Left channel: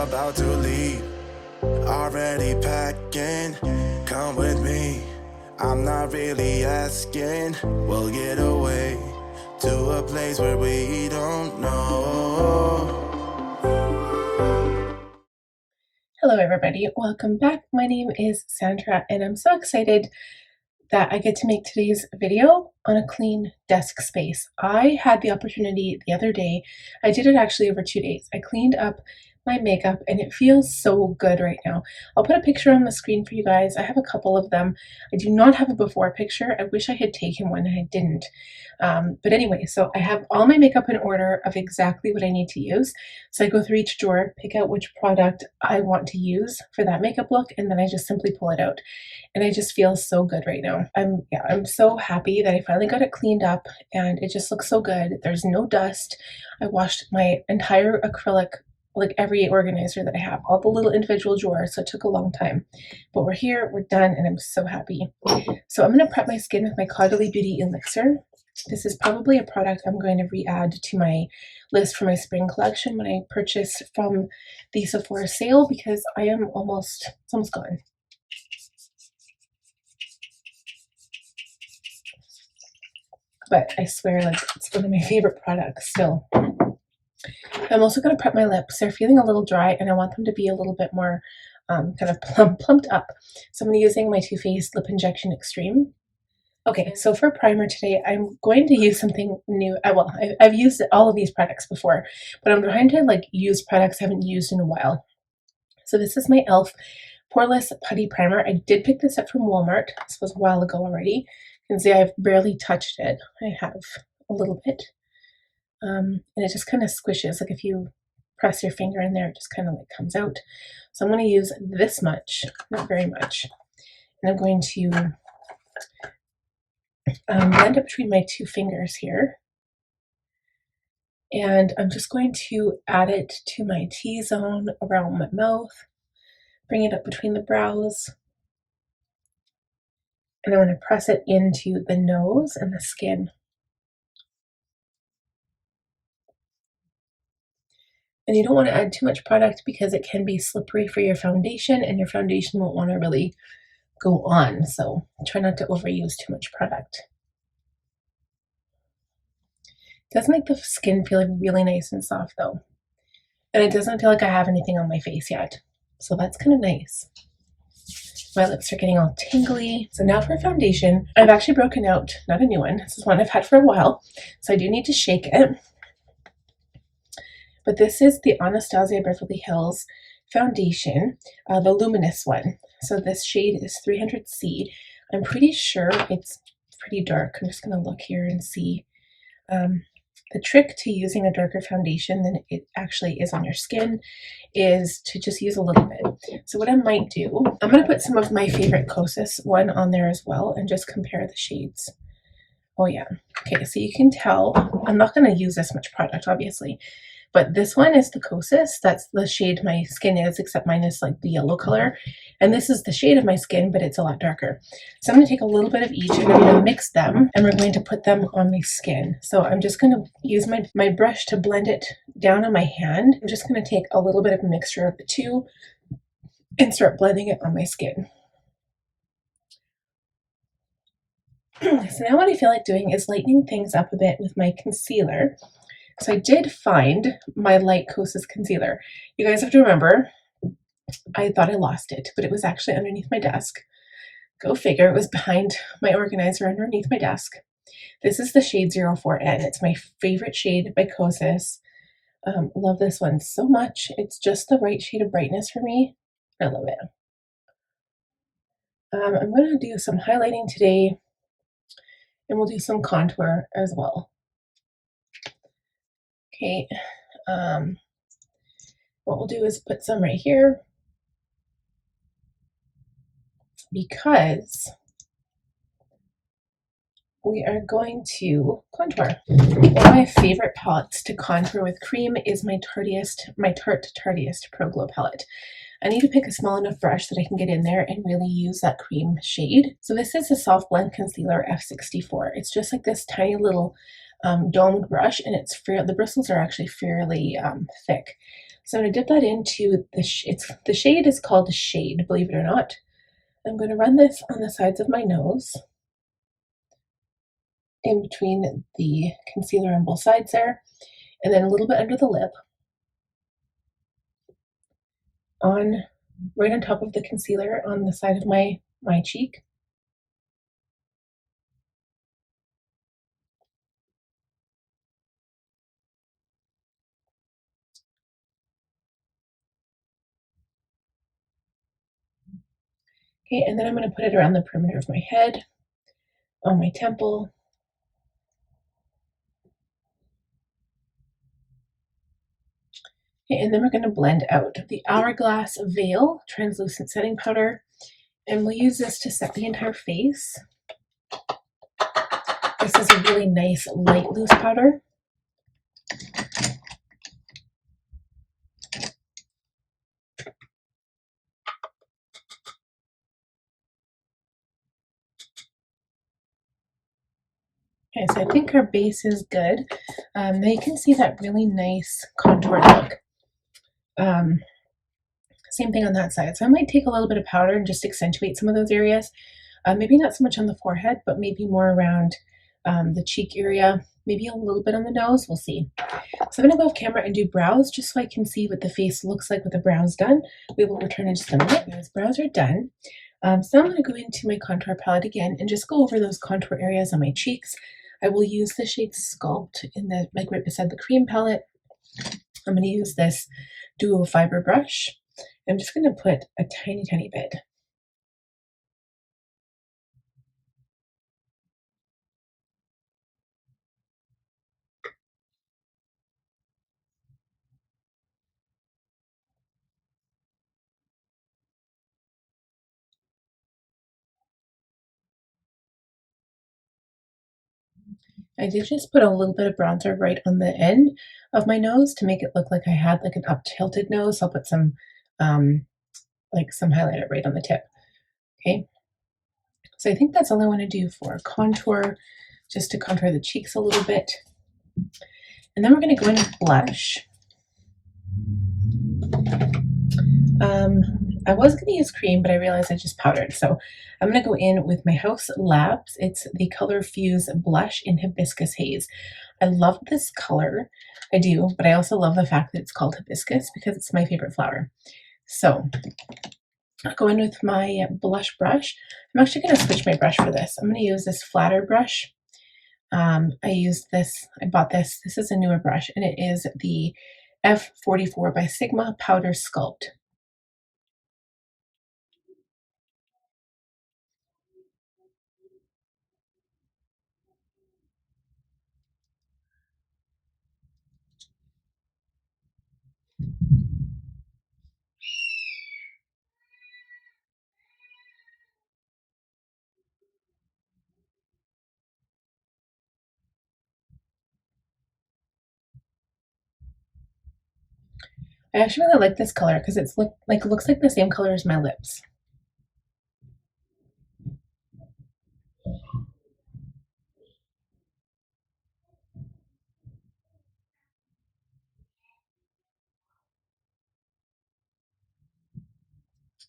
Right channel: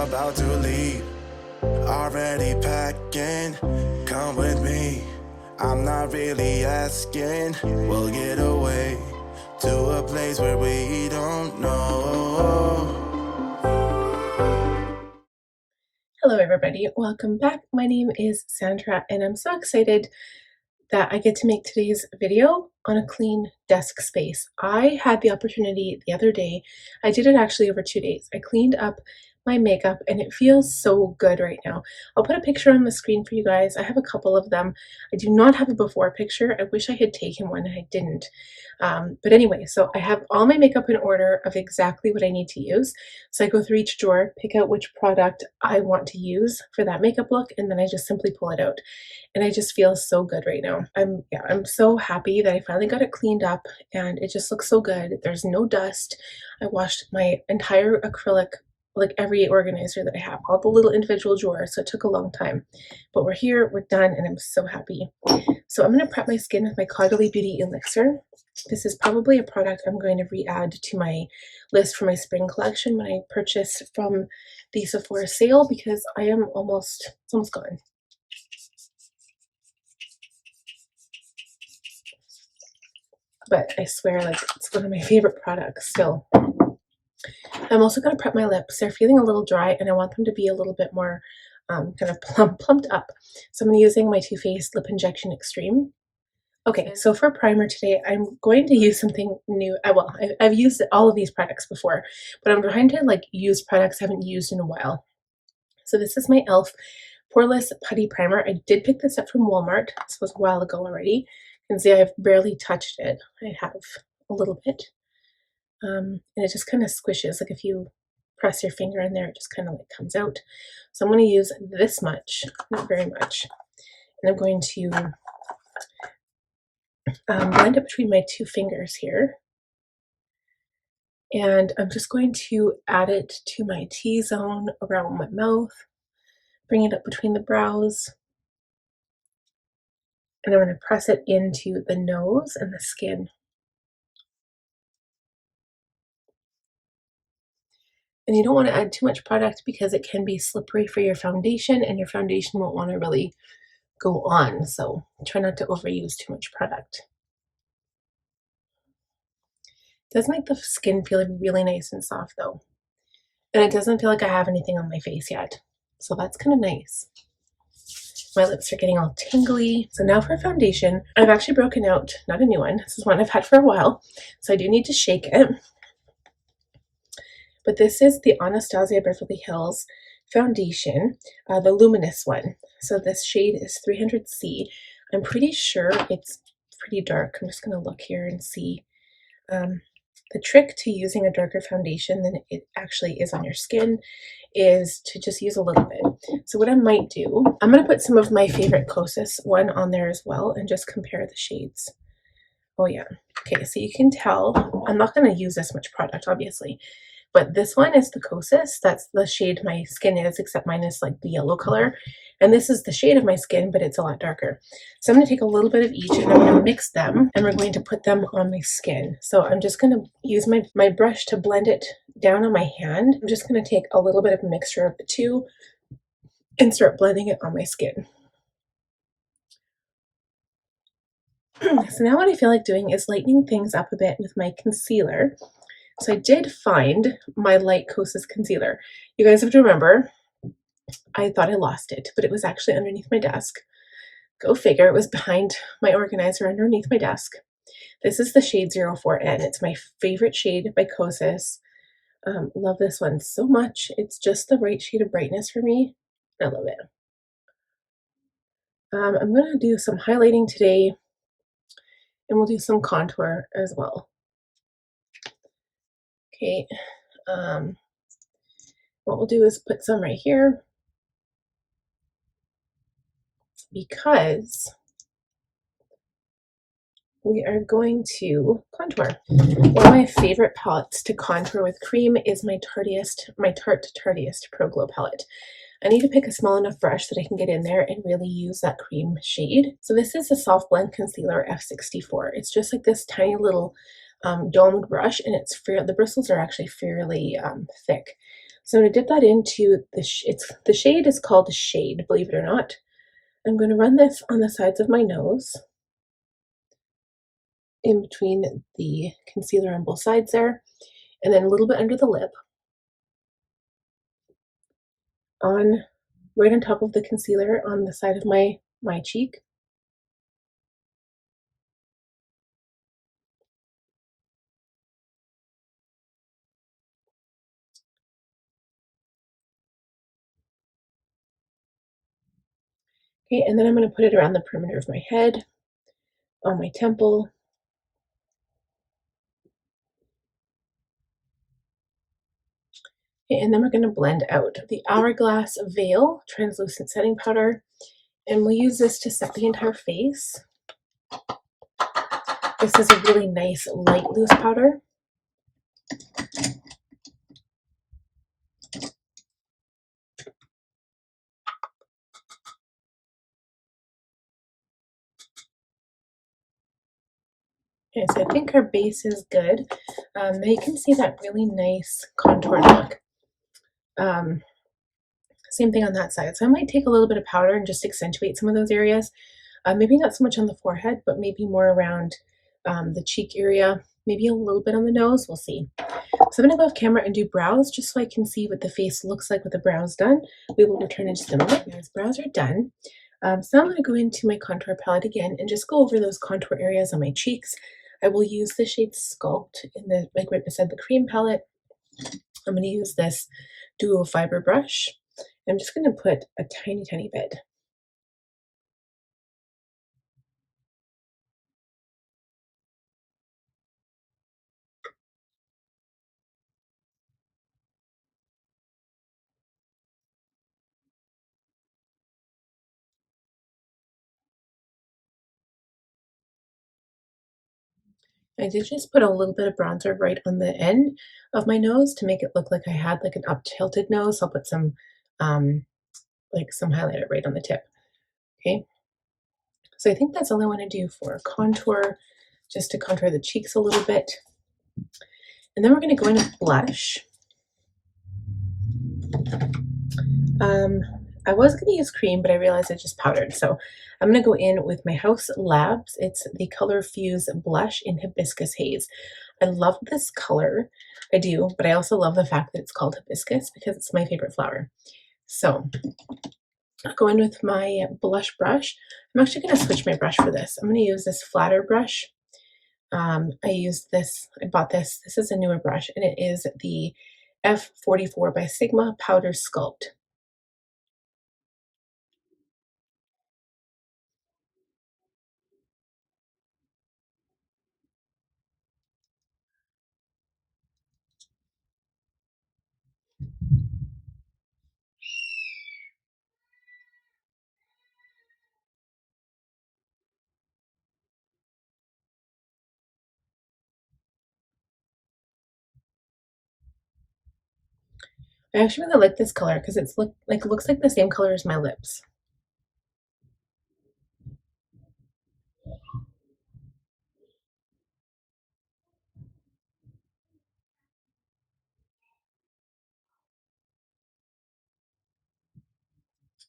about to leave. Already packing, come with me. I'm not really asking. We'll get away to a place where we don't know. Hello everybody, welcome back. My name is Sandra and I'm so excited that I get to make today's video on a clean desk space. I had the opportunity the other day, I did it actually over 2 days. I cleaned up my makeup and it feels so good right now. I'll put a picture on the screen for you guys. I have a couple of them. I do not have a before picture. I wish I had taken one and I didn't. But anyway, so I have all my makeup in order of exactly what I need to use. So I go through each drawer, pick out which product I want to use for that makeup look, and then I just simply pull it out. And I just feel so good right now. I'm so happy that I finally got it cleaned up and it just looks so good. There's no dust. I washed my entire acrylic, like every organizer that I have, all the little individual drawers, so it took a long time. But we're here, we're done, and I'm so happy. So I'm going to prep my skin with my Caudalie Beauty Elixir. This is probably a product I'm going to re-add to my list for my spring collection when I purchase from the Sephora sale, because it's almost gone. But I swear, like, it's one of my favorite products still. I'm also going to prep my lips. They're feeling a little dry and I want them to be a little bit more kind of plumped up. So I'm using my Too Faced Lip Injection Extreme. Okay, so for primer today, I'm going to use something new. I've used all of these products before, but I'm trying to like use products I haven't used in a while. So this is my e.l.f. Poreless Putty Primer. I did pick this up from Walmart. This was a while ago already. You can see I've barely touched it. I have a little bit. And it just kind of squishes, like if you press your finger in there, it just kind of like comes out. So I'm going to use this much, not very much, and I'm going to blend it between my two fingers here, and I'm just going to add it to my T-zone around my mouth, bring it up between the brows, and I'm going to press it into the nose and the skin. And you don't want to add too much product because it can be slippery for your foundation and your foundation won't want to really go on. So try not to overuse too much product. It does make the skin feel really nice and soft though. And it doesn't feel like I have anything on my face yet. So that's kind of nice. My lips are getting all tingly. So now for foundation, I've actually broken out, not a new one. This is one I've had for a while. So I do need to shake it. But this is the Anastasia Beverly Hills foundation, the Luminous one. So this shade is 300C. I'm pretty sure it's pretty dark. I'm just going to look here and see. The trick to using a darker foundation than it actually is on your skin is to just use a little bit. So what I might do, I'm going to put some of my favorite Kosas one on there as well and just compare the shades. Oh yeah. Okay, so you can tell I'm not going to use this much product, obviously. But this one is the Kosas. That's the shade my skin is, except mine is like the yellow color. And this is the shade of my skin, but it's a lot darker. So I'm going to take a little bit of each and I'm going to mix them and we're going to put them on my skin. So I'm just going to use my brush to blend it down on my hand. I'm just going to take a little bit of a mixture of the two and start blending it on my skin. So now what I feel like doing is lightening things up a bit with my concealer. So I did find my light Kosas concealer. You guys have to remember, I thought I lost it, but it was actually underneath my desk. Go figure, it was behind my organizer underneath my desk. This is the shade 04N. It's my favorite shade by Kosas. Love this one so much. It's just the right shade of brightness for me. I love it. I'm going to do some highlighting today and we'll do some contour as well. Okay, what we'll do is put some right here because we are going to contour. One of my favorite palettes to contour with cream is my Tarte Tartiest Pro Glow palette. I need to pick a small enough brush that I can get in there and really use that cream shade. So this is a Soft Blend Concealer F64. It's just like this tiny little domed brush, and the bristles are actually fairly thick. So I'm going to dip that into the shade is called Shade, believe it or not. I'm going to run this on the sides of my nose, in between the concealer on both sides there, and then a little bit under the lip, right on top of the concealer on the side of my cheek. Okay, and then I'm going to put it around the perimeter of my head, on my temple. Okay, and then we're going to blend out the Hourglass Veil Translucent Setting Powder, and we'll use this to set the entire face. This is a really nice light loose powder. Okay, so I think our base is good. Now you can see that really nice contour look. Same thing on that side. So I might take a little bit of powder and just accentuate some of those areas. Maybe not so much on the forehead, but maybe more around the cheek area, maybe a little bit on the nose. We'll see. So I'm going to go off camera and do brows just so I can see what the face looks like with the brows done. We will return in just a minute. As brows are done, so I'm going to go into my contour palette again and just go over those contour areas on my cheeks. I will use the shade Sculpt in the, like right beside the cream palette. I'm going to use this duo fiber brush. I'm just going to put a tiny, tiny bit. I did just put a little bit of bronzer right on the end of my nose to make it look like I had like an up tilted nose. So I'll put some like some highlighter right on the tip. Okay. So I think that's all I want to do for contour, just to contour the cheeks a little bit. And then we're going to go in with blush. I was going to use cream, but I realized I just powdered. So I'm going to go in with my Haus Labs. It's the Color Fuse Blush in Hibiscus Haze. I love this color. I do, but I also love the fact that it's called Hibiscus because it's my favorite flower. So I'll go in with my blush brush. I'm actually going to switch my brush for this. I'm going to use this flatter brush. I bought this. This is a newer brush, and it is the F44 by Sigma Powder Sculpt. I actually really like this color because it looks like the same color as my lips.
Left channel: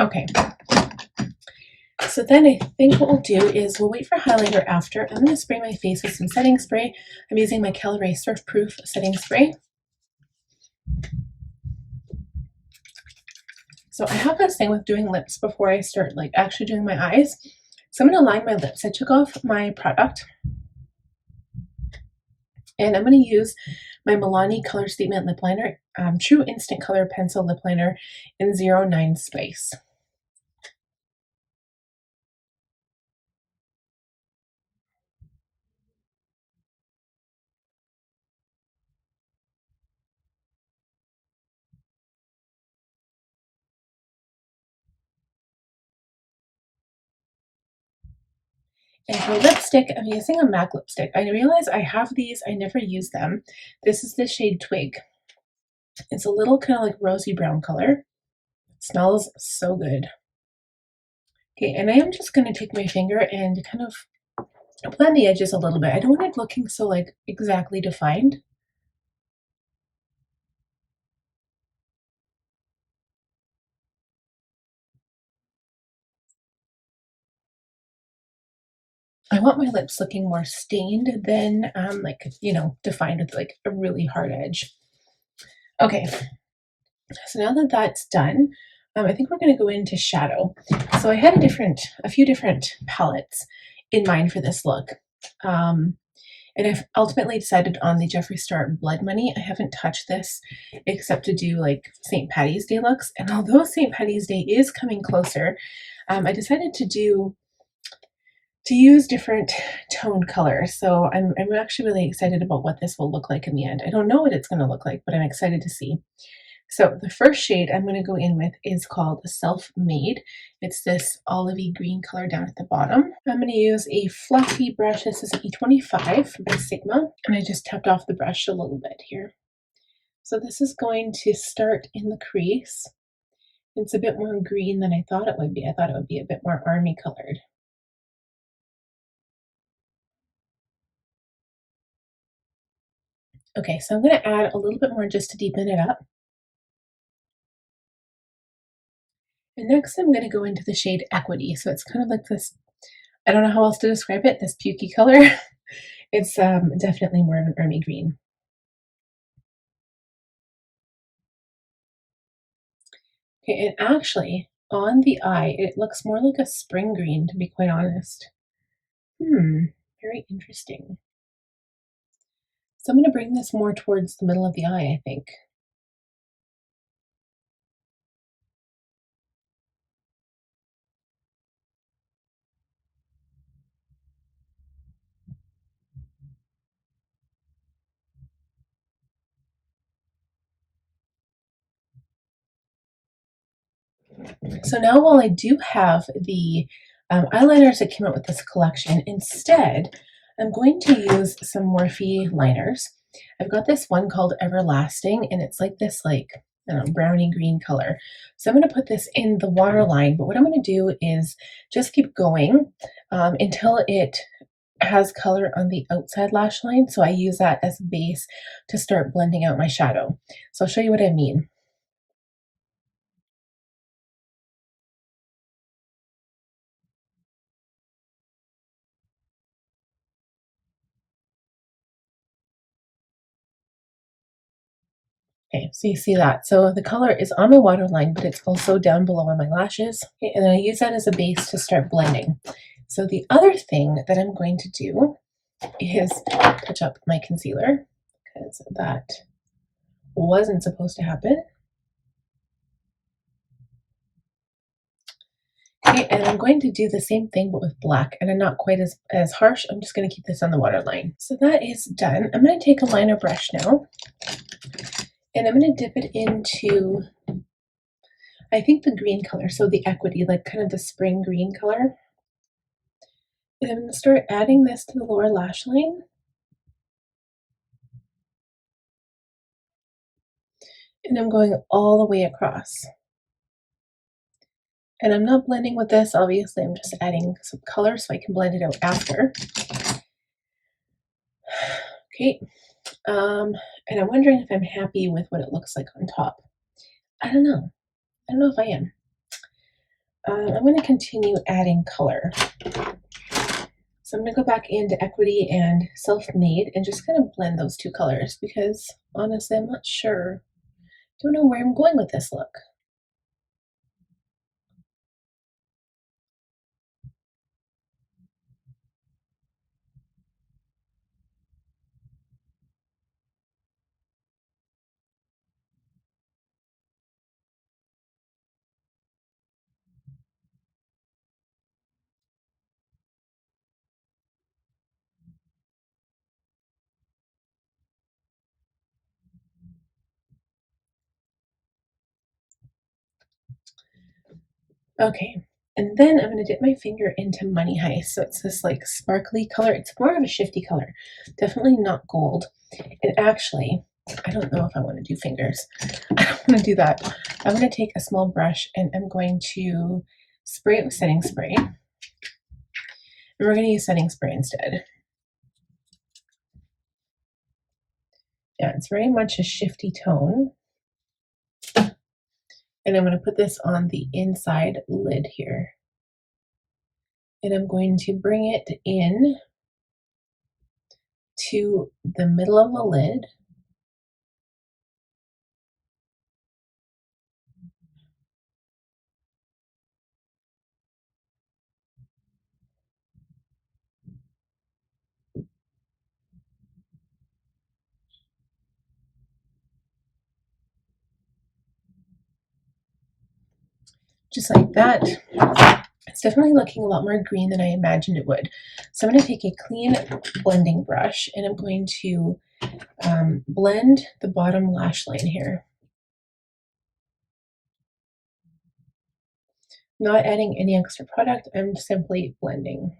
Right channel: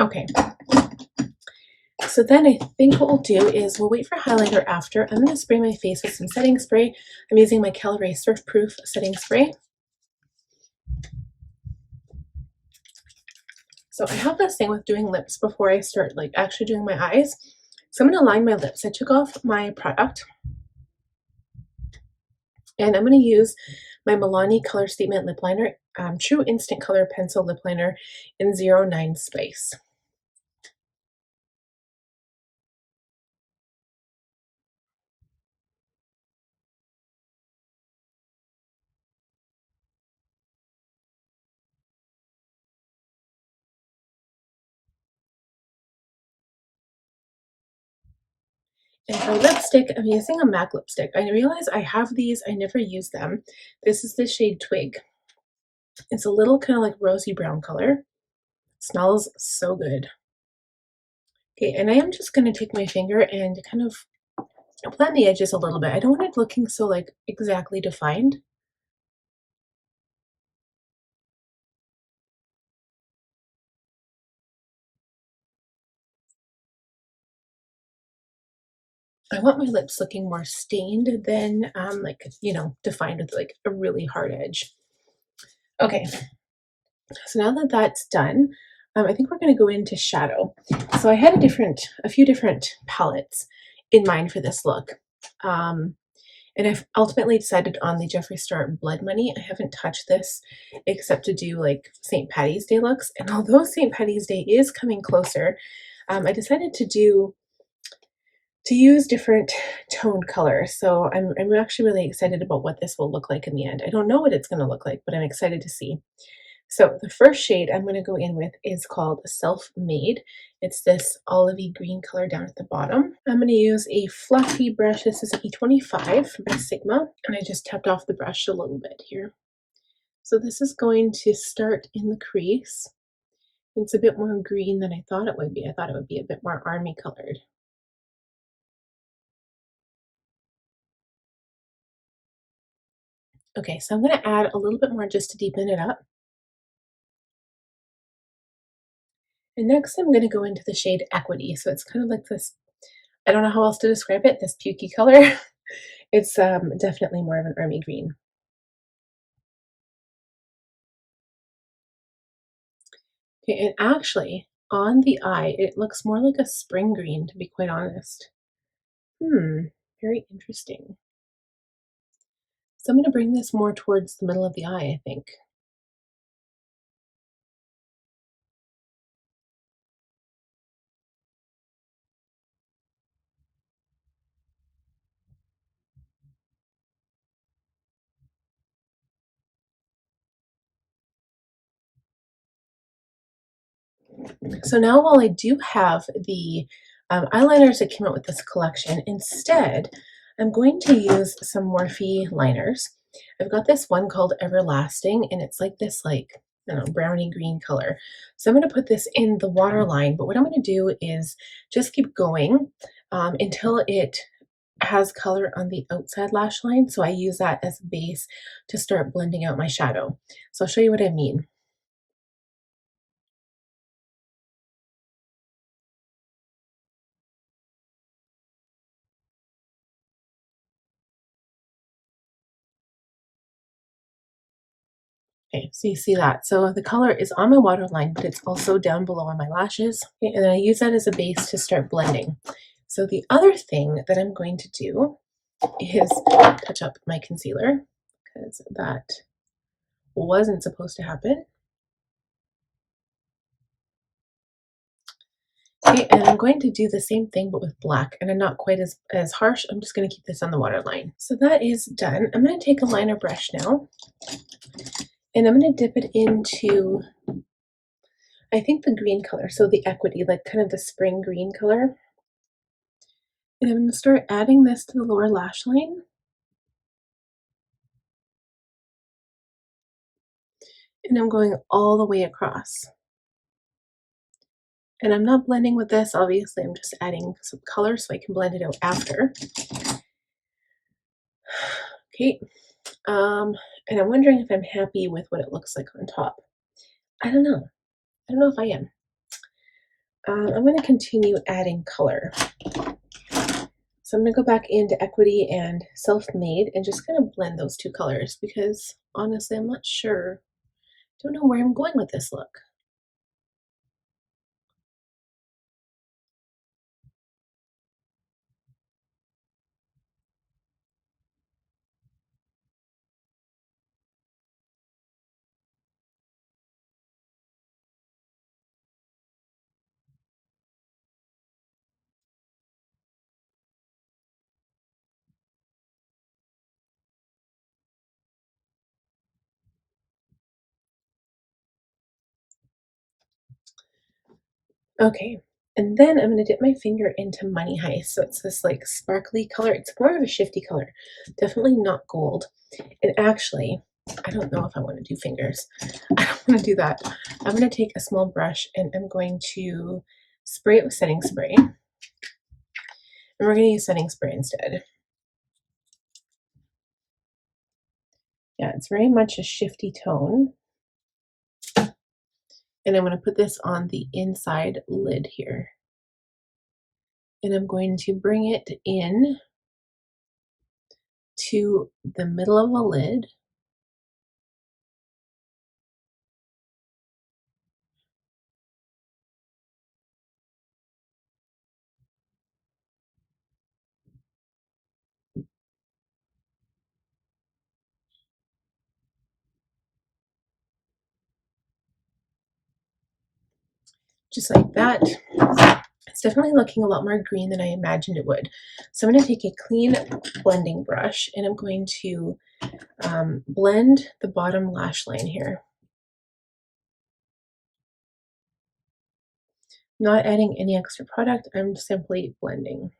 Okay. So then I think what we'll do is we'll wait for highlighter after. I'm going to spray my face with some setting spray. I'm using my Caliray Surfproof setting spray. So I have this thing with doing lips before I start like actually doing my eyes. So I'm going to line my lips. I took off my product and I'm going to use my Milani Color Statement Lip Liner, True Instant Color Pencil Lip Liner in 09 Spice. And for lipstick, I'm using a MAC lipstick. I realize I have these, I never use them. This is the shade Twig. It's a little kind of like rosy brown color. It smells so good. Okay, and I am just going to take my finger and kind of blend the edges a little bit. I don't want it looking so like exactly defined. I want my lips looking more stained than like, you know, defined with like a really hard edge. Okay, so now that that's done, I think we're going to go into shadow. So I had a few different palettes in mind for this look. And I've ultimately decided on the Jeffree Star Blood Money. I haven't touched this except to do like St. Patty's Day looks. And although St. Patty's Day is coming closer, I decided to use different tone colors. So I'm actually really excited about what this will look like in the end. I don't know what it's going to look like, but I'm excited to see. So the first shade I'm going to go in with is called Self-Made. It's this olivey green color down at the bottom. I'm going to use a fluffy brush. This is E25 by Sigma, and I just tapped off the brush a little bit here. So this is going to start in the crease. It's a bit more green than I thought it would be. I thought it would be a bit more army colored. Okay, so I'm going to add a little bit more just to deepen it up. And next I'm going to go into the shade Equity. So it's kind of like this, I don't know how else to describe it, this pukey color. It's definitely more of an army green. Okay, and actually on the eye, it looks more like a spring green, to be quite honest. Very interesting. So I'm going to bring this more towards the middle of the eye, I think. So now while I do have the eyeliners that came out with this collection, instead I'm going to use some Morphe liners. I've got this one called Everlasting, and it's like this, like, I don't know, brownie green color. So I'm going to put this in the waterline, but what I'm going to do is just keep going until it has color on the outside lash line. So I use that as a base to start blending out my shadow. So I'll show you what I mean. Okay, so you see that. So the color is on my waterline, but it's also down below on my lashes. Okay, and then I use that as a base to start blending. So the other thing that I'm going to do is touch up my concealer, because that wasn't supposed to happen. Okay, and I'm going to do the same thing but with black, and I'm not quite as harsh. I'm just going to keep this on the waterline. So that is done. I'm going to take a liner brush now, and I'm going to dip it into, I think, the green color, so the Equity, like kind of the spring green color. And I'm going to start adding this to the lower lash line. And I'm going all the way across. And I'm not blending with this, obviously, I'm just adding some color so I can blend it out after. Okay, and I'm wondering if I'm happy with what it looks like on top. I don't know. I don't know if I am. I'm going to continue adding color. So I'm going to go back into Equity and Self-Made and just kind of blend those two colors, because honestly, I'm not sure. Don't know where I'm going with this look. Okay, and then I'm going to dip my finger into Money Heist. So it's this like sparkly color. It's more of a shifty color, definitely not gold. And actually, I don't know if I want to do fingers. I don't want to do that. I'm going to take a small brush and I'm going to spray it with setting spray. And we're going to use setting spray instead. Yeah, it's very much a shifty tone. And I'm going to put this on the inside lid here. and I'm going to bring it in to the middle of the lid. Just like that. It's definitely looking a lot more green than I imagined it would. So I'm going to take a clean blending brush and I'm going to blend the bottom lash line here. Not adding any extra product, I'm simply blending.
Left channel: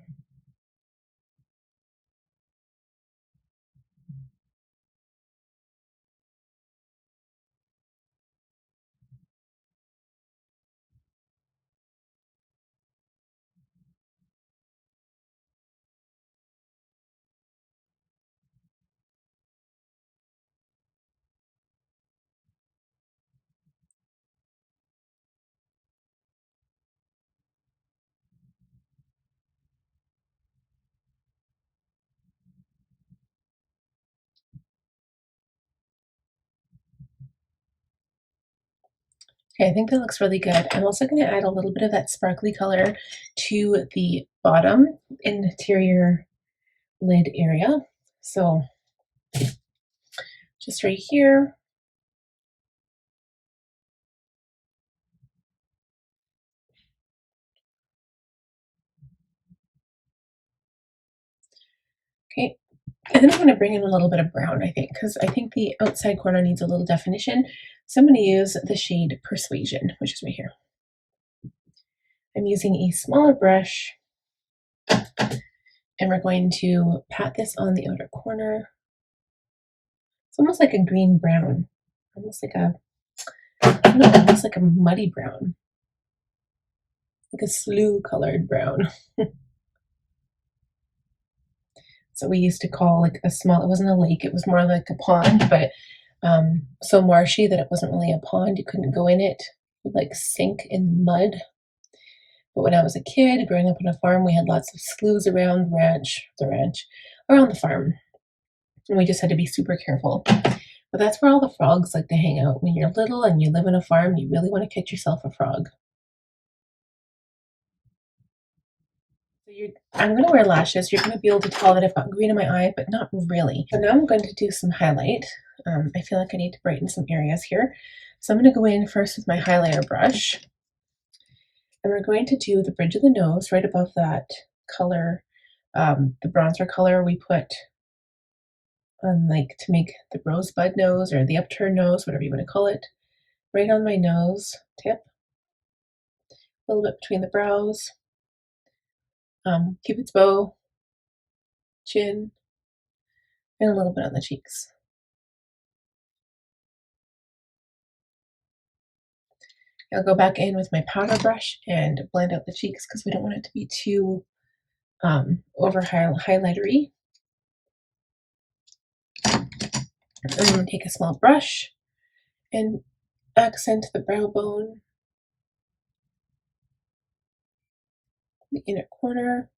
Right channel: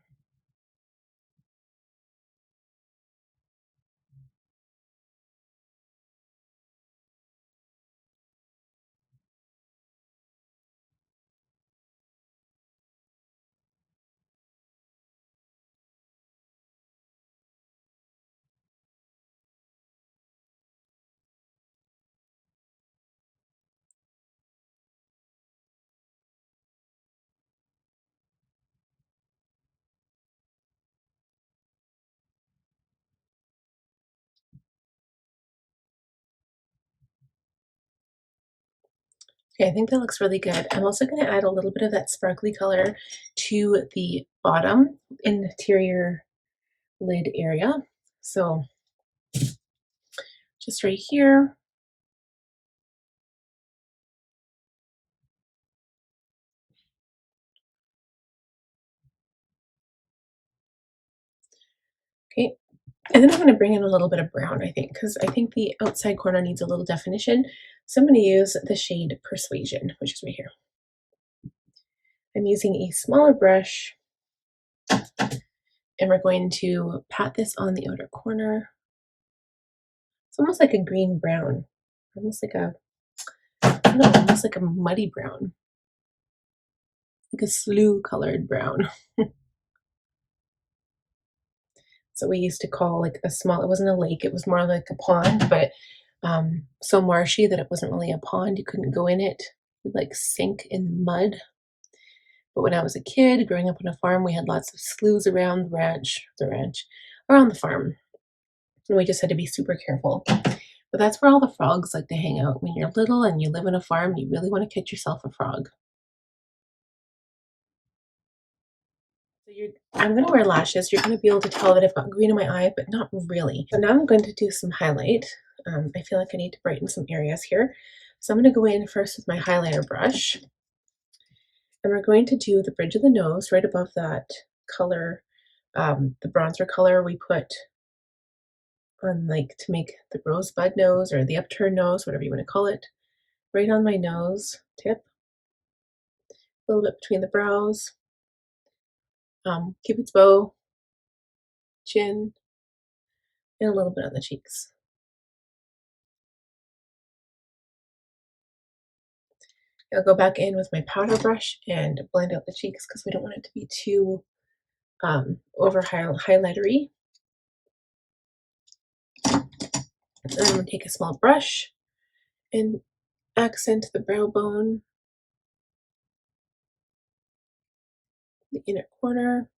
Okay, I think that looks really good. I'm also going to add a little bit of that sparkly color to the bottom interior lid area. So just right here. Okay, and then I'm going to bring in a little bit of brown, I think, because I think the outside corner needs a little definition. So I'm going to use the shade Persuasion, which is right here. I'm using a smaller brush, and we're going to pat this on the outer corner. It's almost like a green brown, almost like a, I don't know, almost like a muddy brown, like a sloe colored brown. So we used to call like a small, it wasn't a lake, it was more like a pond, but so marshy that it wasn't really a pond. You couldn't go in it. It would like sink in mud. But when I was a kid, growing up on a farm, we had lots of sloughs around the ranch, around the farm. And we just had to be super careful. But that's where all the frogs like to hang out. When you're little and you live on a farm, you really want to catch yourself a frog. I'm going to wear lashes. You're going to be able to tell that I've got green in my eye, but not really. So now I'm going to do some highlight. I feel like I need to brighten some areas here. So I'm going to go in first with my highlighter brush. And we're going to do the bridge of the nose right above that color, the bronzer color we put on like to make the rosebud nose or the upturned nose, whatever you want to call it, right on my nose tip. A little bit between the brows. Cupid's bow, chin, and a little bit on the cheeks. I'll go back in with my powder brush and blend out the cheeks because we don't want it to be too over highlightery. And I'm going to take a small brush and accent the brow bone, the inner corner.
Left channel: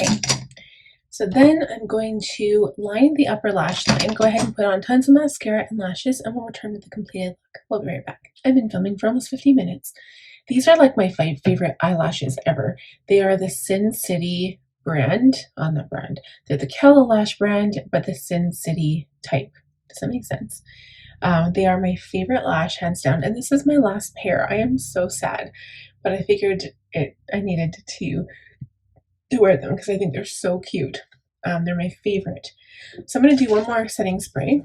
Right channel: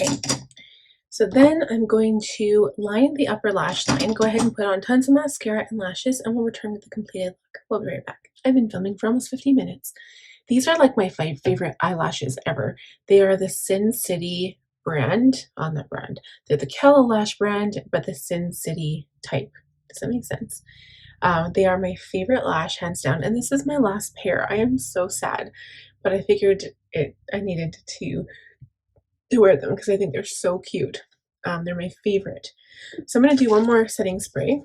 Okay, so then I'm going to line the upper lash line. Go ahead and put on tons of mascara and lashes, and we'll return to the completed look. We'll be right back. I've been filming for almost 15 minutes. These are like my 5 favorite eyelashes ever. They are the Sin City brand, on that brand. They're the Caliray brand, but the Sin City type. Does that make sense? They are my favorite lash, hands down, and this is my last pair. I am so sad, but I figured I needed to wear them because I think they're so cute. They're my favorite. So I'm going to do one more setting spray.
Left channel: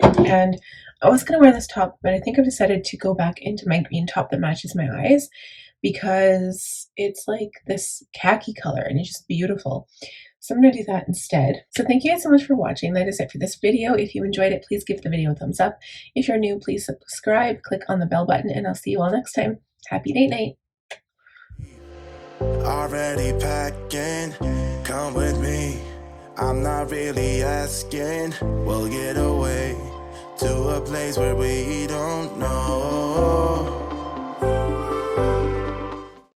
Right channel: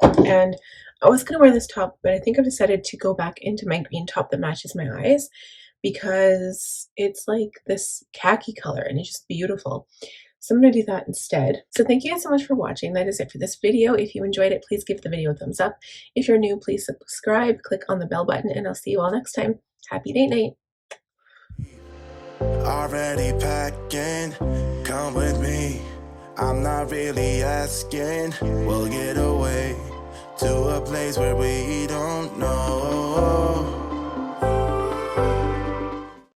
And I was going to wear this top, but I think I've decided to go back into my green top that matches my eyes because it's like this khaki color and it's just beautiful. So I'm going to do that instead. So thank you guys so much for watching. That is it for this video. If you enjoyed it, please give the video a thumbs up. If you're new, please subscribe, click on the bell button, and I'll see you all next time. Happy date night. Already packing, come with me. I'm not really asking. We'll get away to a place where we